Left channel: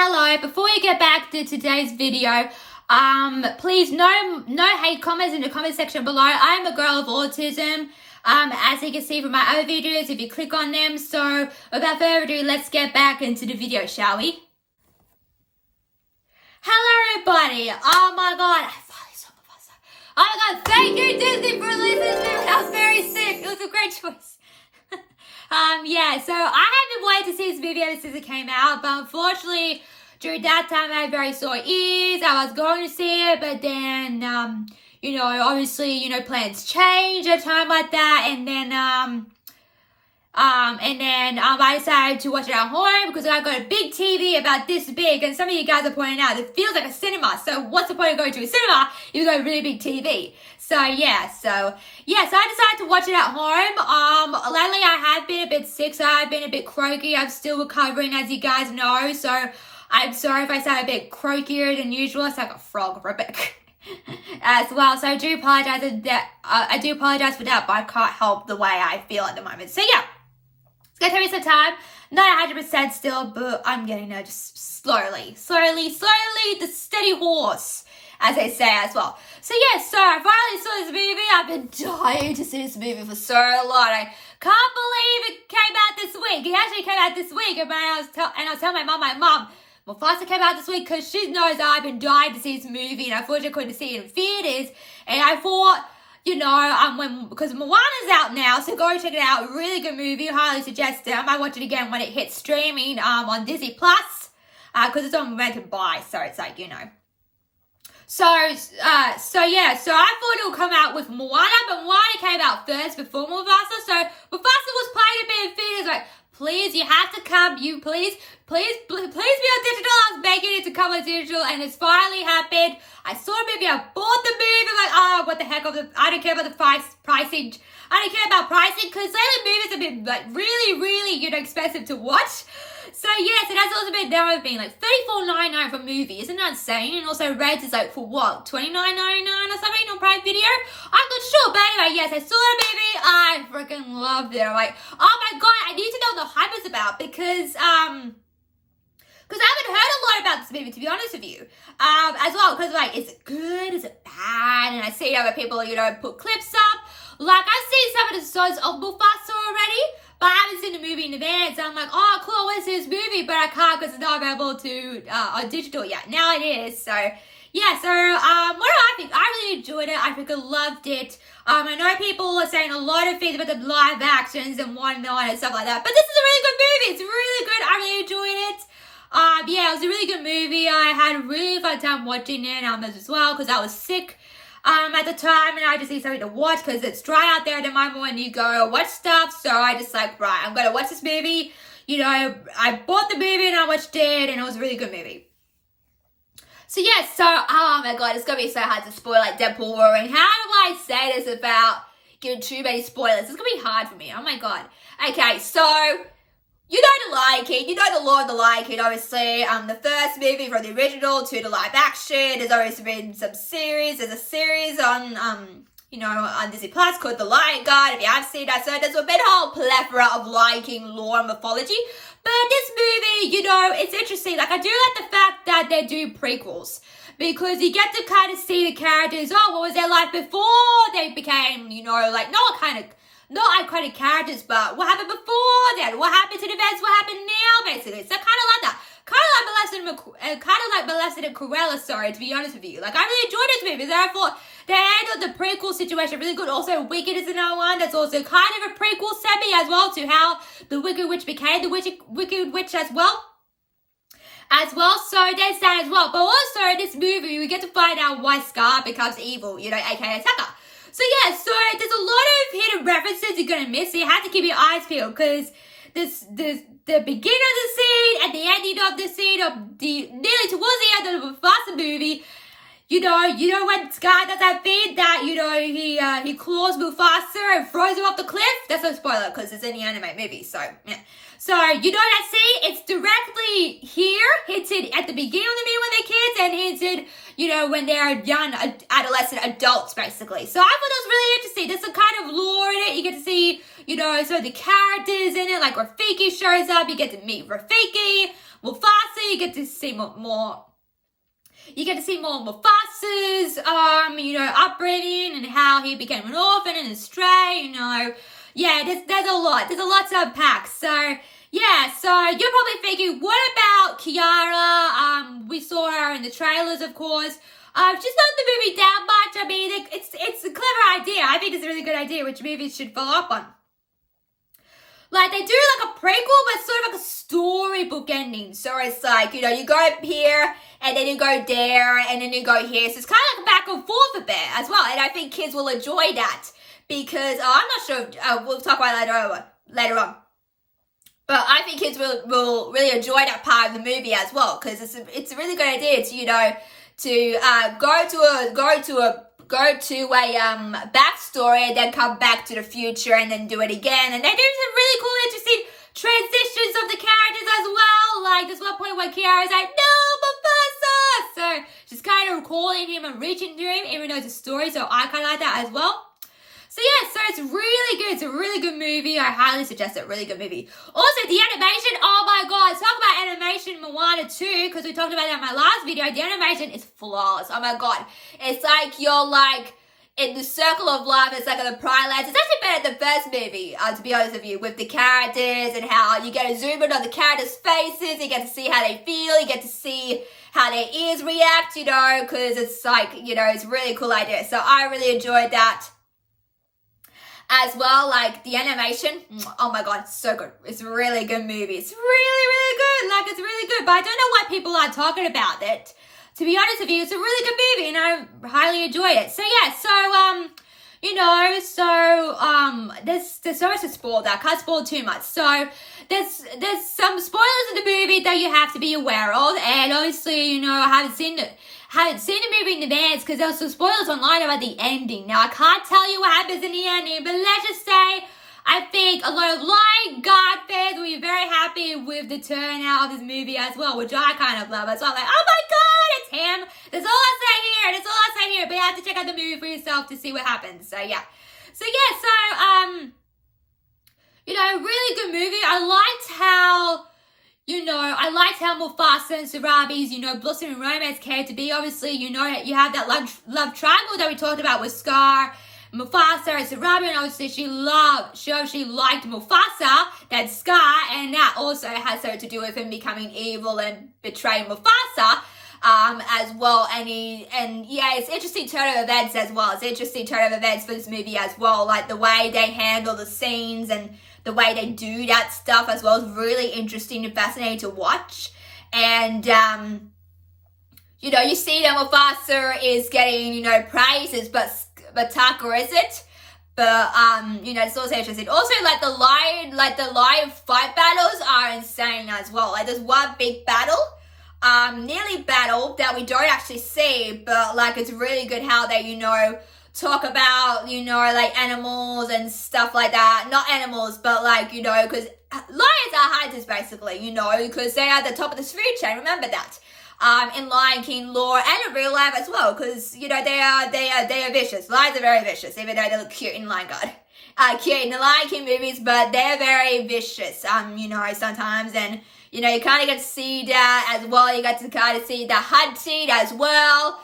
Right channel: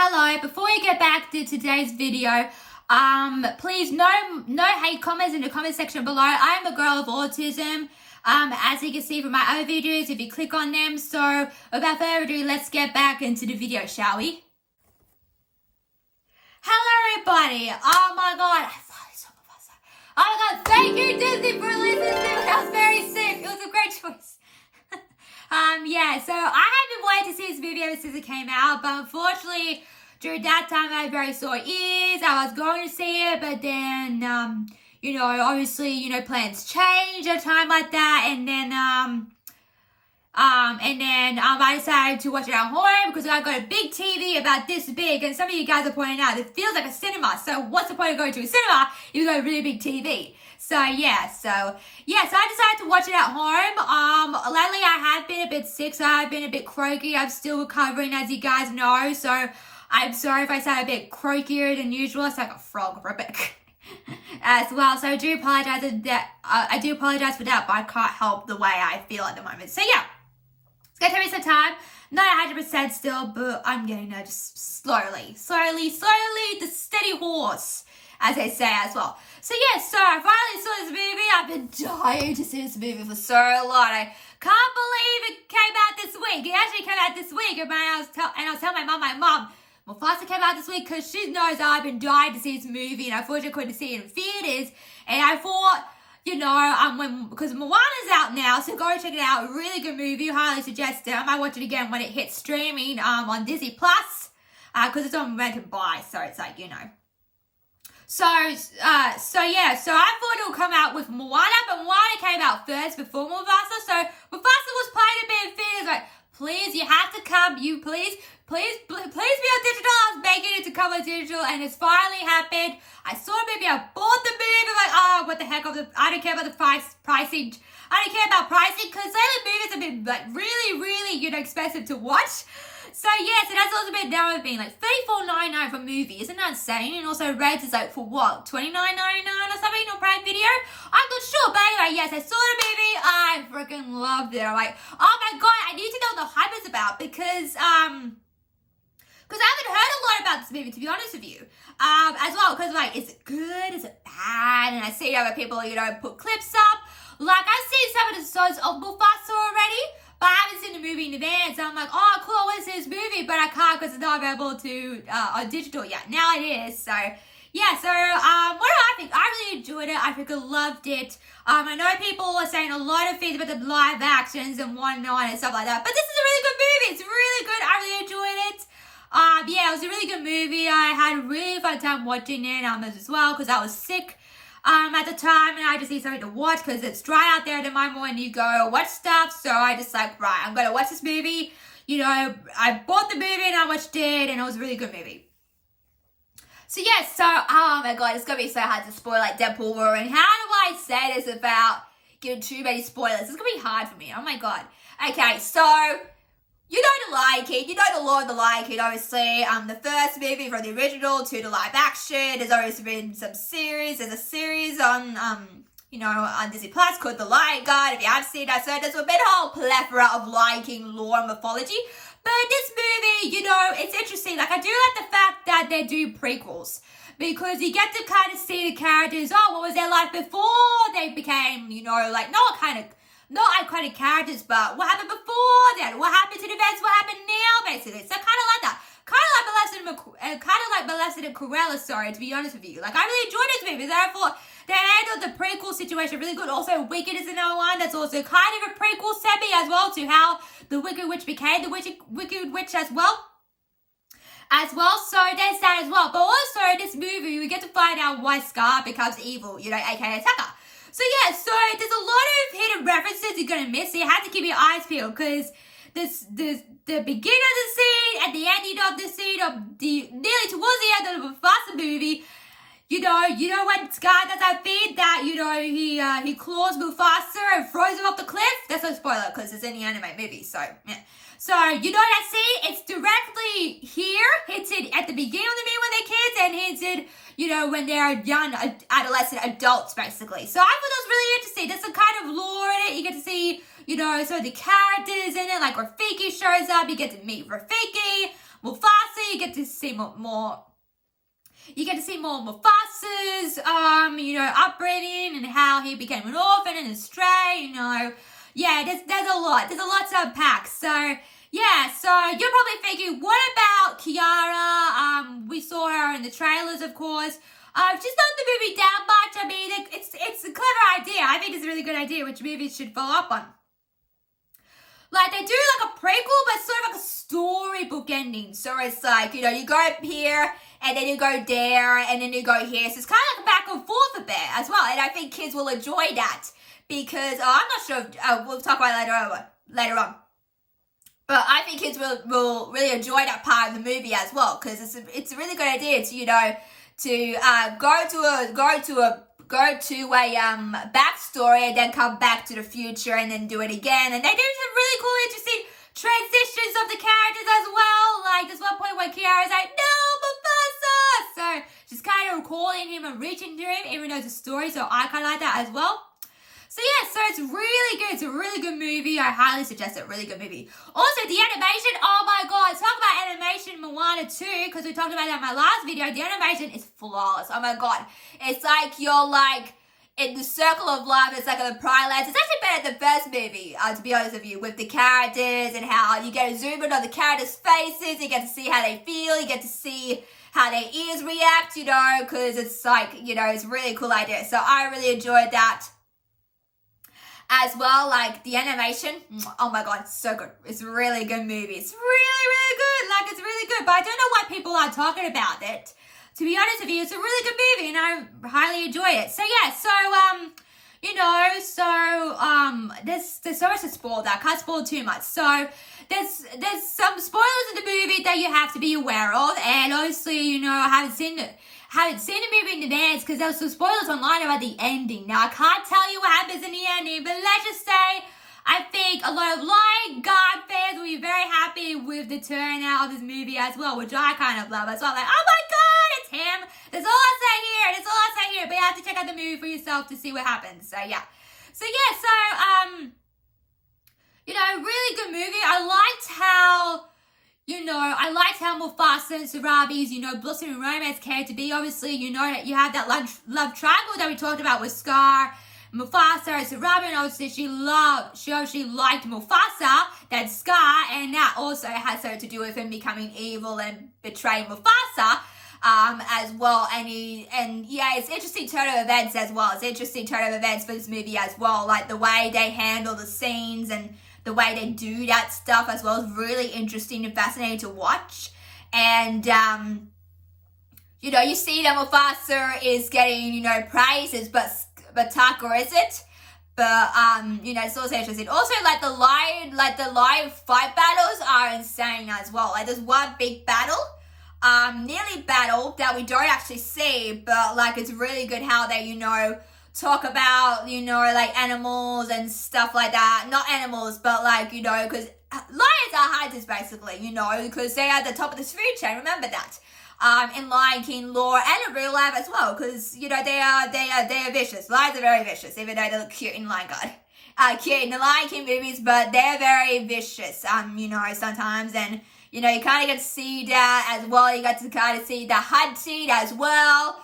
Hello, before we get back to today's video, please no hate comments in the comment section below. I am a girl of autism, as you can see from my other videos if you click on them. So without further ado, let's get back into the video, shall we? Hello everybody. Oh my god, I finally saw Mufasa. Oh my god, thank you Disney for releasing it. I was very sick. It was a great choice. Yeah, so I have been waiting to see this video since it came out, but unfortunately, during that time I had very sore ears. I was going to see it, but then, obviously, plans change at a time like that, and then I decided to watch it at home because I got a big TV about this big, and some of you guys are pointing out it feels like a cinema. So what's the point of going to a cinema if you've got a really big TV? So I decided to watch it at home. Lately I have been a bit sick, so I've been a bit croaky. I'm still recovering, as you guys know. So I'm sorry if I sound a bit croakier than usual. I sound like a frog for a bit. As well, so I do apologize for that, but I can't help the way I feel at the moment. So yeah, it's gonna take me some time, not 100% still, but I'm getting there just slowly, the steady horse, as they say as well. So yeah, so I finally saw this movie. I've been dying to see this movie for so long. I can't believe it came out this week. It actually came out this week, and I was telling my mom, Mufasa came out this week because she knows that I've been dying to see this movie, and I thought I couldn't see it in theaters, and I thought, because Moana's out now, so go check it out. Really good movie, highly suggest it. I might watch it again when it hits streaming on Disney Plus, because it's on rent and buy, so it's like, So I thought it would come out with Moana, but Moana came out first before Mufasa, so Mufasa was playing a bit in theaters, like, please, you have to come, please be on digital. I was begging it to come on digital, and it's finally happened. I saw a movie, I bought the movie, like, oh, what the heck, I don't care about the pricing. I don't care about pricing, because lately movies have been, like, really, really, expensive to watch. So, yes, it has also been now being, like, $34.99 for a movie. Isn't that insane? And also, Reds is, like, for what, $29.99 or something on Prime Video? I'm not sure, but anyway, yes, I saw the movie. I freaking loved it. I'm like, oh my god, I need to know what the hype is about, because I haven't heard a lot about this movie, to be honest with you. As well, because, like, is it good? Is it bad? And I see other people, put clips up. Like, I've seen some of the songs of Mufasa already, but I haven't seen the movie in advance. And I'm like, oh, cool, I want to see this movie, but I can't because it's not available on digital yet. Now it is, so... Yeah, so, what do I think? I really enjoyed it. I freaking loved it. I know people are saying a lot of things about the live actions and whatnot and stuff like that, but this is a really good movie. It's really good. I really enjoyed it. Yeah, it was a really good movie. I had a really fun time watching it as well, because I was sick at the time, and I just need something to watch because it's dry out there at the moment when you go watch stuff. So I just like, right, I'm gonna watch this movie. I bought the movie and I watched it, and it was a really good movie. So yeah, oh my god, it's gonna be so hard to spoil like Deadpool War, and how do I say this without giving too many spoilers? It's gonna be hard for me. Oh my god. Okay, so you know the Lion King, you know the Lord of the Lion King, obviously. The first movie from the original to the live action. There's always been some series. There's a series on on Disney Plus called The Lion Guard. If you haven't seen that, so there's been a whole plethora of Lion King lore and mythology. But this movie, it's interesting. Like, I do like the fact that they do prequels, because you get to kind of see the characters. Oh, what was their life before they became, not iconic characters, but what happened before then? What happened to the events? What happened now, basically? So kind of like that. Kind of like Molested and Cruella, sorry, to be honest with you. Like, I really enjoyed this movie. Therefore, they handled the prequel situation really good. Also, Wicked is another one that's also kind of a prequel semi as well to how the Wicked Witch became the Wicked Witch as well. So there's that as well. But also, in this movie, we get to find out why Scar becomes evil, aka Tucker. So yeah, so there's a lot of hidden references you're gonna miss, so you have to keep your eyes peeled, because the beginning of the scene and the ending of the scene nearly towards the end of the Mufasa movie, when Scar does that thing that, he claws Mufasa and throws him off the cliff. That's no spoiler because it's in the anime movie, so, yeah. So, that scene, it's directly here, hinted at the beginning of the movie when they're kids, and hinted, when they're young, adolescent adults, basically. So I thought that was really interesting. There's some kind of lore in it. You get to see, you know, so the characters in it, like Rafiki shows up, you get to meet Rafiki, Mufasa, you get to see more Mufasa's, you know, upbringing and how he became an orphan and a stray, you know. Yeah, there's a lot to unpack. So, yeah, so you're probably thinking, what about Kiara? We saw her in the trailers, of course. She's not in the movie that much. I mean, it's a clever idea. I think it's a really good idea, which movies should follow up on. Like, they do like a prequel, but sort of like a storybook ending. So it's like, you know, you go up here, and then you go there, and then you go here. So it's kind of like back and forth a bit as well. And I think kids will enjoy that. Because, I'm not sure, we'll talk about it later on. But I think kids will really enjoy that part of the movie as well. Because it's a really good idea to, you know, to go to a backstory and then come back to the future and then do it again. And they do some really cool, interesting transitions of the characters as well. Like, there's one point where Kiara's like, no, Mufasa! So, she's kind of calling him and reaching to him, even though it's a story. So, I kind of like that as well. So, yeah, so it's really good. It's a really good movie. I highly suggest it. Really good movie. Also, the animation, oh my god. Talk about animation Moana 2, because we talked about that in my last video. The animation is flawless. Oh my god. It's like you're like in the circle of life. It's like in the Pride Lands. It's actually better than the first movie, to be honest with you, with the characters and how you get to zoom in on the characters' faces. You get to see how they feel. You get to see how their ears react, you know, because it's like, you know, it's a really cool idea. So I really enjoyed that. As well, like, the animation, oh my god, it's so good. It's a really good movie. It's really, really good. Like, it's really good. But I don't know why people aren't talking about it. To be honest with you, it's a really good movie, and I highly enjoyed it. So, yeah, so, you know, so, there's so much to spoil that. I can't spoil too much. So, there's some spoilers in the movie that you have to be aware of. And obviously, you know, I haven't seen the movie in advance because there was some spoilers online about the ending. Now, I can't tell you what happens in the ending, but let's just say I think a lot of Lion Guard fans will be very happy with the turnout of this movie as well, which I kind of love as well. Like, oh my god, it's him. That's all I'll say here. That's all I'll say here. But you have to check out the movie for yourself to see what happens. So, yeah. So, you know, really good movie. I liked how Mufasa and Sarabi's, you know, blossoming romance came to be. Obviously, you know, you have that love triangle that we talked about with Scar, Mufasa, and Sarabi, and obviously she liked Mufasa, that's Scar, and that also has something to do with him becoming evil and betraying Mufasa. As well, and yeah, it's interesting turn of events as well. It's interesting turn of events for this movie as well, like the way they handle the scenes and the way they do that stuff as well is really interesting and fascinating to watch. And you know, you see that Mufasa is getting, you know, praises, but Taka isn't. But you know, it's also interesting. Also, like the lion fight battles are insane as well. Like there's one big battle. Nearly battle that we don't actually see, but like it's really good how they, you know, talk about, you know, like animals and stuff like that. Not animals, but like, you know, because lions are hunters basically, you know, because they're at the top of the food chain. Remember that. In Lion King lore and in real life as well, because you know they are vicious. Lions are very vicious, even though they look cute in Lion God. Cute in the Lion King movies, but they're very vicious. You know, sometimes, and you know, you kind of get to see that as well. You get to kind of see the hunting as well.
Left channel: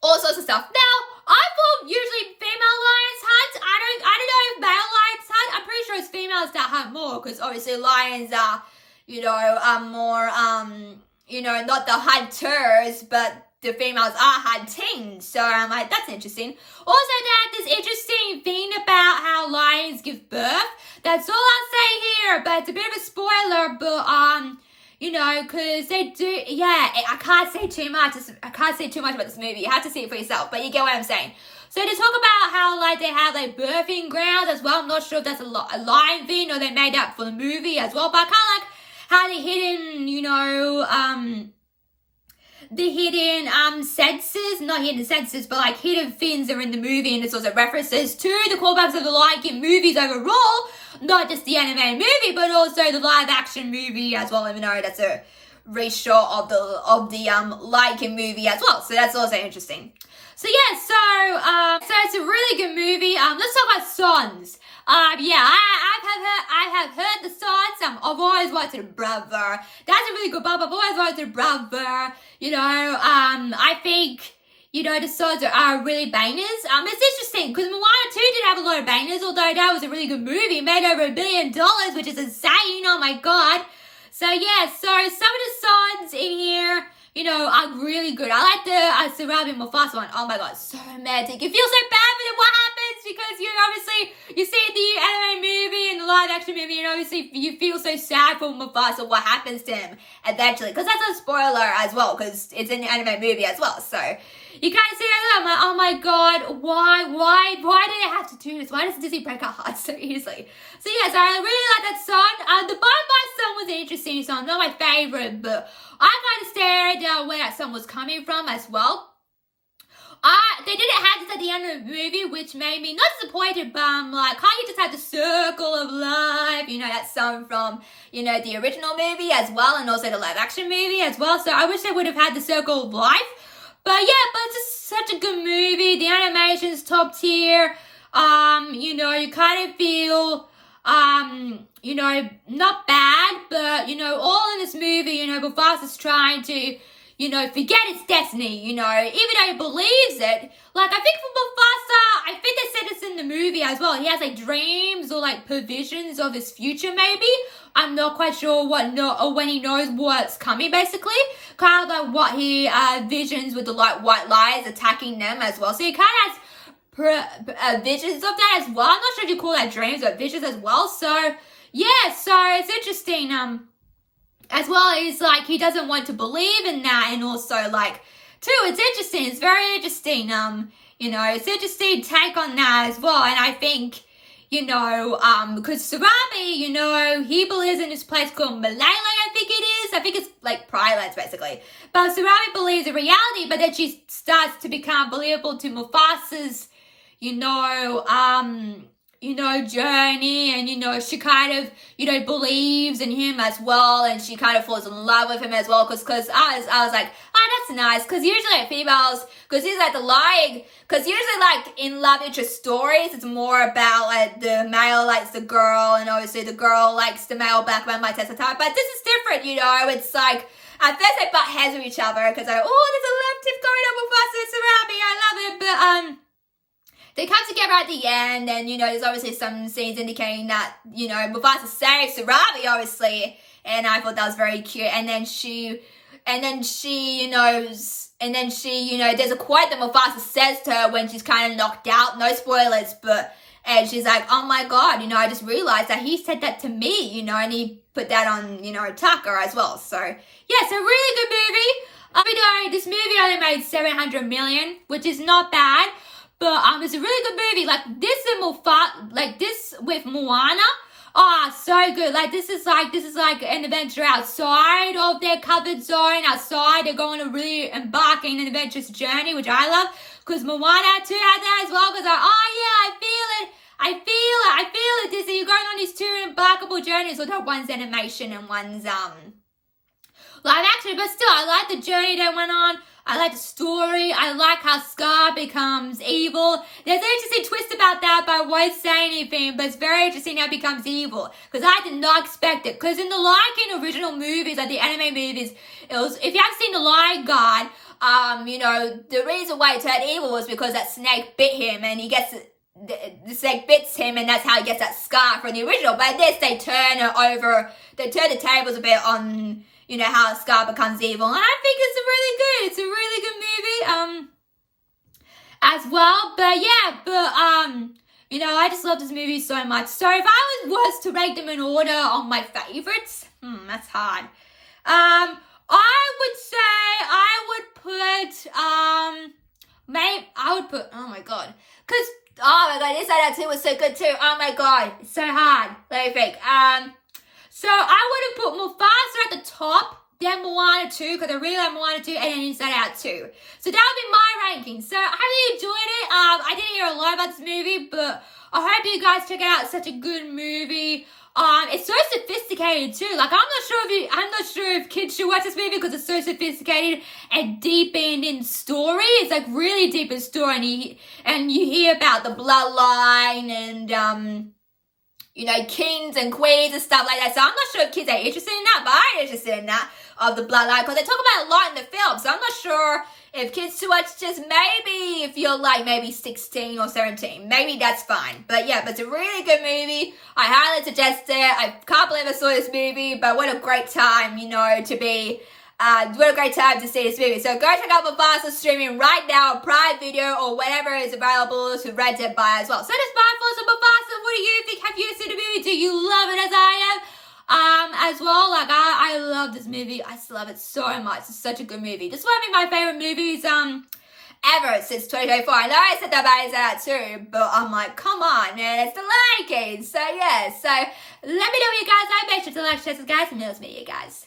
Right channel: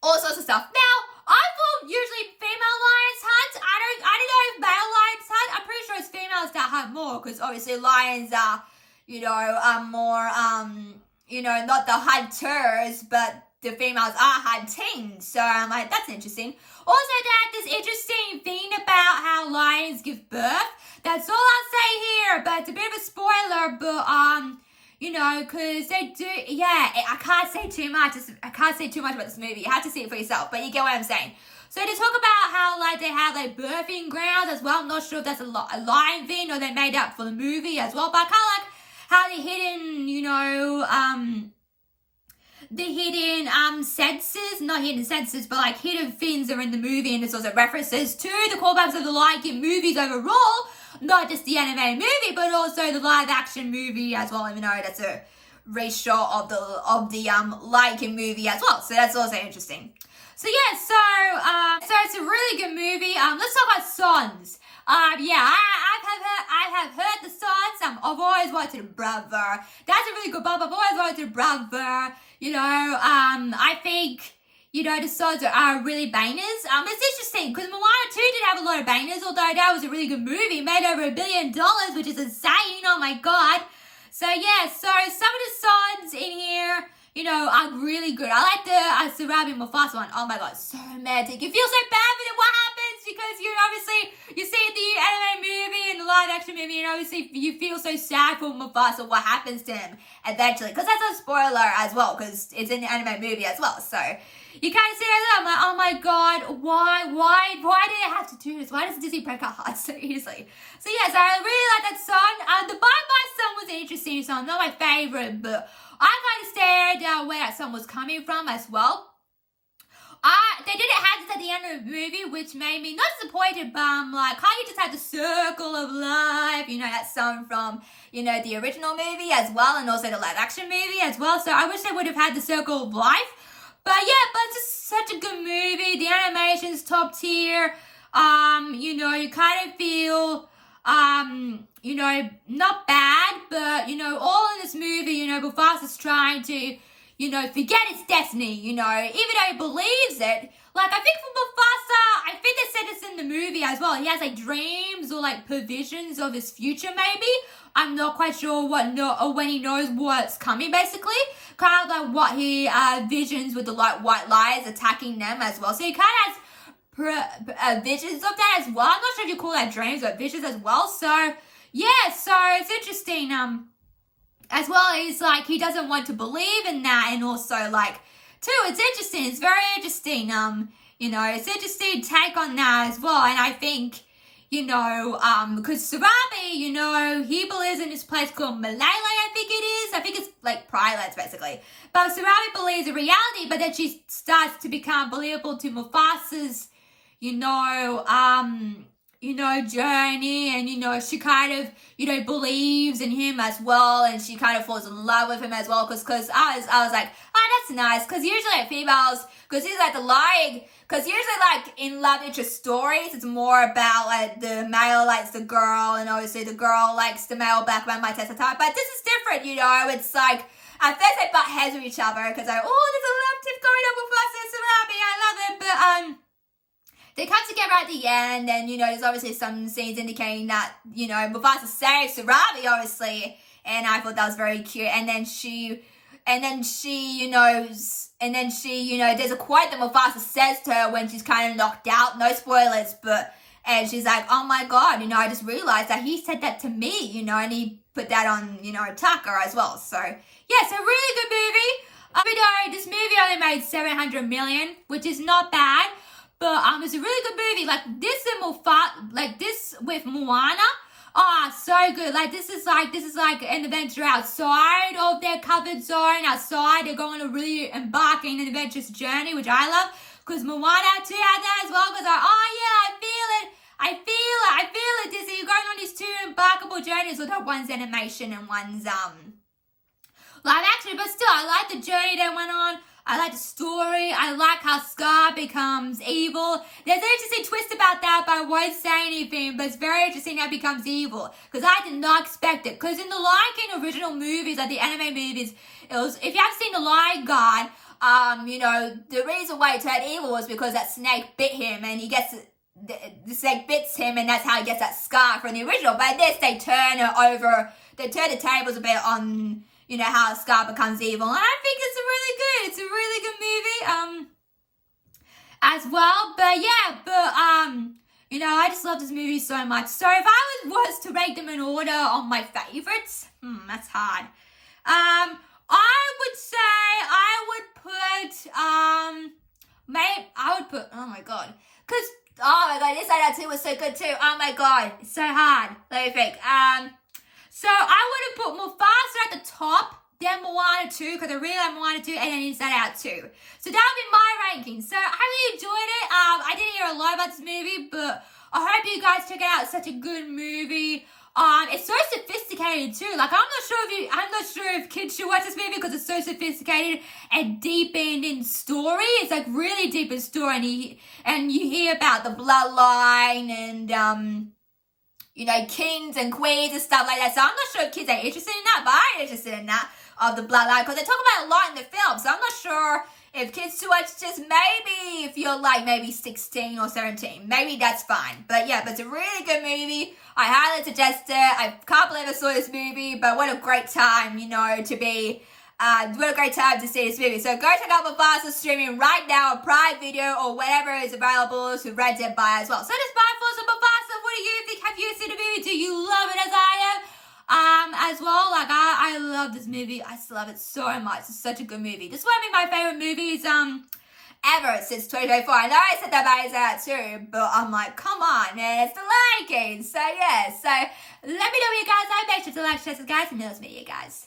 All sorts of stuff. Now, I thought usually female lions hunt. I don't know if male lions hunt. I'm pretty sure it's females that hunt more, because obviously lions are, you know, more, you know, not the hunters, but the females are hunting. So I'm like, that's interesting. Also, that this interesting thing about how lions give birth. That's all I'll say here, but it's a bit of a spoiler, but, you know, because they do, yeah, I can't say too much. I can't say too much about this movie. You have to see it for yourself, but you get what I'm saying. So they talk about how, like, they have, like, birthing grounds as well. I'm not sure if that's a lion thing or they made that for the movie as well, but I kind of like how the hidden, you know, the hidden senses, not hidden senses, but like hidden things are in the movie, and this also references to the callbacks of the Lion King movies overall, not just the animated movie, but also the live action movie as well, even though that's a reshot of the Lion King movie as well. So that's also interesting. So yeah, so it's a really good movie. Let's talk about songs. Yeah, I have heard the songs. I've always wanted Brother. That's a really good bop. I've always wanted Brother. You know, I think, you know, the songs are really bangers. It's interesting because Moana 2 did have a lot of bangers, although that was a really good movie. It made over $1 billion, which is insane. Oh my god. So yeah, so some of the songs in here, you know, are really good. I like the Sarabi Mufasa one. Oh my god, so romantic. You feel so bad for them. What happens? Because you see the anime movie and the live action movie, and obviously you feel so sad for Mufasa. What happens to him eventually? Because that's a spoiler as well, because it's in the anime movie as well. So you kind of see that. I'm like, oh my god, why did it have to do this? Why does Disney break our hearts so easily? So yes, I really like that song. The Bye Bye song was an interesting song, not my favorite, but I kind of stared where that song was coming from as well. They didn't have this at the end of the movie, which made me not disappointed, but I'm like, can't you just have the Circle of Life? You know, that song from, you know, the original movie as well, and also the live action movie as well. So I wish they would have had the Circle of Life. But yeah, but it's just such a good movie. The animation's top tier. You know, you kind of feel, you know, not bad, but, you know, all in this movie, you know, Mufasa's trying to, you know, forget his destiny, you know, even though he believes it. Like, I think for Mufasa, I think they said this in the movie as well. He has, like, dreams or, like, provisions of his future, maybe. I'm not quite sure or when he knows what's coming, basically. Kind of like what he visions with the, like, white lies attacking them as well. So he kind of has visions of that as well. I'm not sure if you call that dreams or visions as well. So, yeah, so it's interesting. As well, it's like he doesn't want to believe in that, and also like too, it's interesting. It's very interesting. You know, it's interesting take on that as well. And I think, you know, because Sarabi, you know, he believes in this place called Malay, I think it is. I think it's like Pride basically. But Sarabi believes in reality, but then she starts to become believable to Mufasa's, you know, journey, and, you know, she kind of, you know, believes in him as well, and she kind of falls in love with him as well, because I was like, oh, that's nice, because usually like females, because he's like the lying, because usually like in love interest stories, it's more about like the male likes the girl, and obviously the girl likes the male back when my test of time, but this is different, you know, it's like, at first they butt heads with each other, because like, oh, there's a love tip going on with us, it's so happy, I love it, but, they come together at the end, and, you know, there's obviously some scenes indicating that, you know, Mufasa saves Sarabi, obviously, and I thought that was very cute, and then she, you know, there's a quote that Mufasa says to her when she's kind of knocked out, no spoilers, but, and she's like, oh my god, you know, I just realized that he said that to me, you know, and he put that on, you know, Tucker as well, so, yeah, so really good movie. You know, this movie only made $700 million, which is not bad. But it's a really good movie. Like this with Moana. Oh, so good. Like this is like an adventure outside of their covered zone. Outside, they're going to really embark in an adventurous journey, which I love. Because Moana too had that as well. Because oh yeah, I feel it. Disney, you're going on these two embarkable journeys. Although one's animation and one's live action, but still, I like the journey they went on. I like the story. I like how Scar becomes evil. There's an interesting twist about that, but I won't say anything. But it's very interesting how it becomes evil. Because I did not expect it. Because in the Lion King original movies, like the anime movies, it was, if you haven't seen The Lion God, you know, the reason why he turned evil was because that snake bit him, and he gets, the snake bits him, and that's how he gets that scar from the original. But in this, they turn the tables a bit on, you know, how Scar becomes evil. And I think it's a really good movie, as well. But yeah, you know, I just love this movie so much. So if I was to rank them in order on my favorites, that's hard. I would say I would put, oh my god. Cause, oh my god, Inside Out 2 was so good too. Oh my god, it's so hard. Let me think. So I would have put Mufasa at the top, then Moana 2, because I really like Moana 2, and then Inside Out 2. So that would be my ranking. So I really enjoyed it. I didn't hear a lot about this movie, but I hope you guys check it out. It's such a good movie. It's so sophisticated too. Like I'm not sure if kids should watch this movie because it's so sophisticated and deep in story. It's like really deep in story, and you hear about the bloodline and you know, kings and queens and stuff like that. So I'm not sure if kids are interested in that, but I'm interested in that of the bloodline because they talk about it a lot in the film. So I'm not sure if kids to watch this. Maybe if you're like maybe 16 or 17, maybe that's fine. But yeah, but it's a really good movie. I highly suggest it. I can't believe I saw this movie, but what a great time, you know, to be. What a great time to see this movie. So go check out Mufasa streaming right now on Prime Video or whatever is available to rent and buy as well. So that's my thoughts on Mufasa. What do you think? Have you seen the movie? Do you love it as I am? As well, like I love this movie. I just love it so much. It's such a good movie. This is one of my favorite movies ever since 2024. I know I said that about that too, but I'm like, come on, man, it's the Lion King. So yeah, so let me know what you guys like. Make sure to like, share, subscribe, and this video, guys.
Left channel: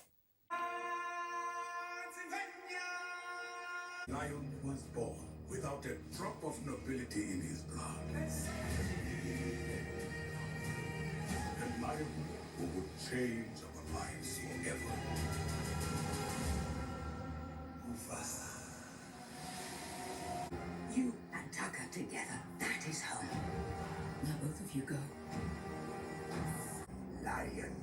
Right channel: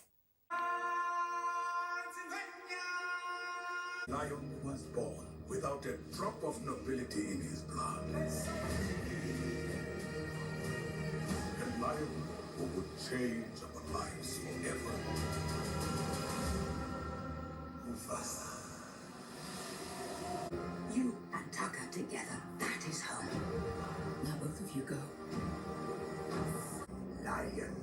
Lion was born without a drop of nobility in his blood. A lion who would change our lives forever. Mufasa. You and Tucker together, that is home. Now both of you go. Lion.